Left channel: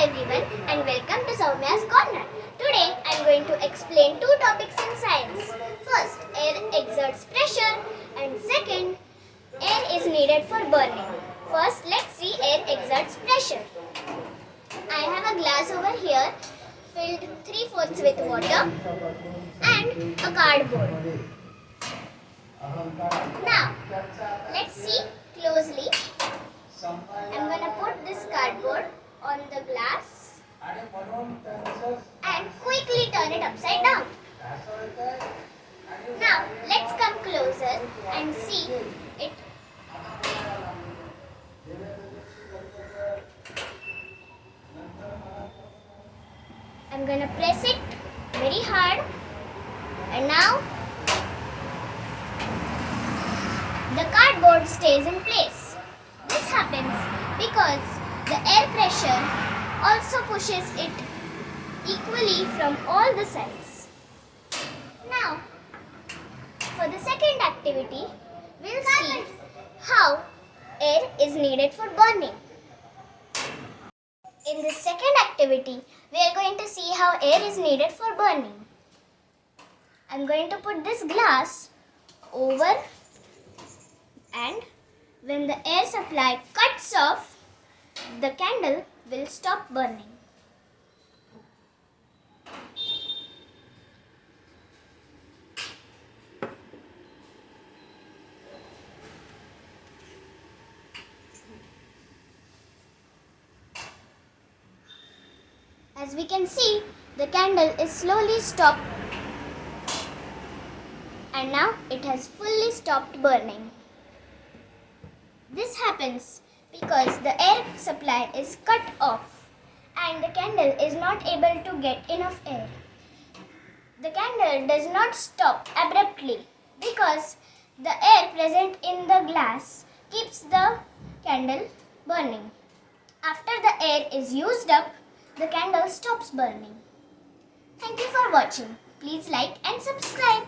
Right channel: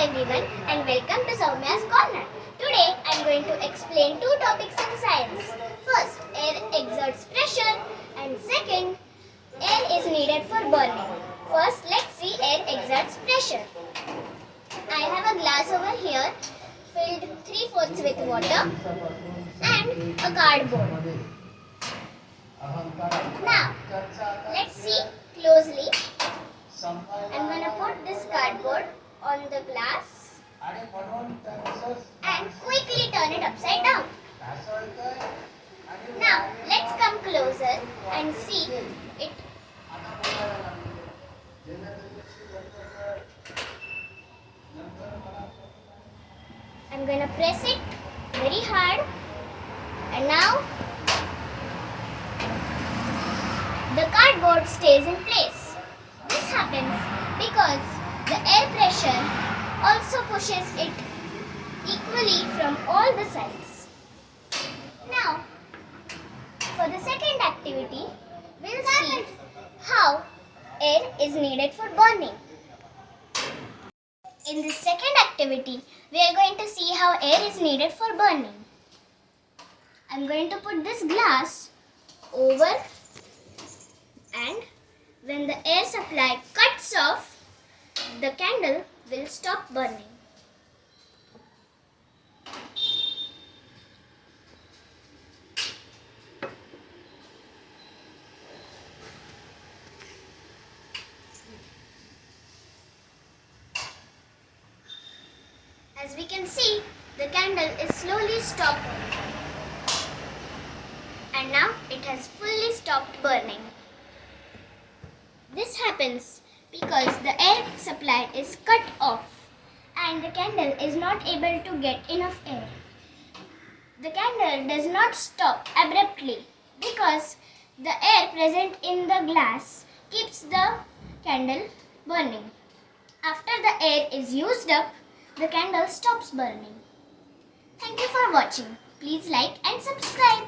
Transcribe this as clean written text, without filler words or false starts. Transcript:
everyone and welcome to Saumya's Corner. Today I am going to explain two topics in science. First, air exerts pressure and second, air is needed for burning. First, let's see air exerts pressure. I have a glass over here filled 3/4 with water and a cardboard. Now, let's see closely. I'm going to put this cardboard on the glass and quickly turn it upside down. Now, let's come closer and see it. I'm going to press it very hard and now the cardboard stays in place. This happens because the air pressure also pushes it equally from all the sides. Now, for the second activity, we'll see how air is needed for burning. In this second activity, we are going to see how air is needed for burning. I'm going to put this glass over, and when the air supply cuts off, the candle will stop burning. As we can see, the candle is slowly stopped and now it has fully stopped burning. This happens because the air supply is cut off and the candle is not able to get enough air. The candle does not stop abruptly because the air present in the glass keeps the candle burning. After the air is used up, the candle stops burning. Thank you for watching. Please like and subscribe.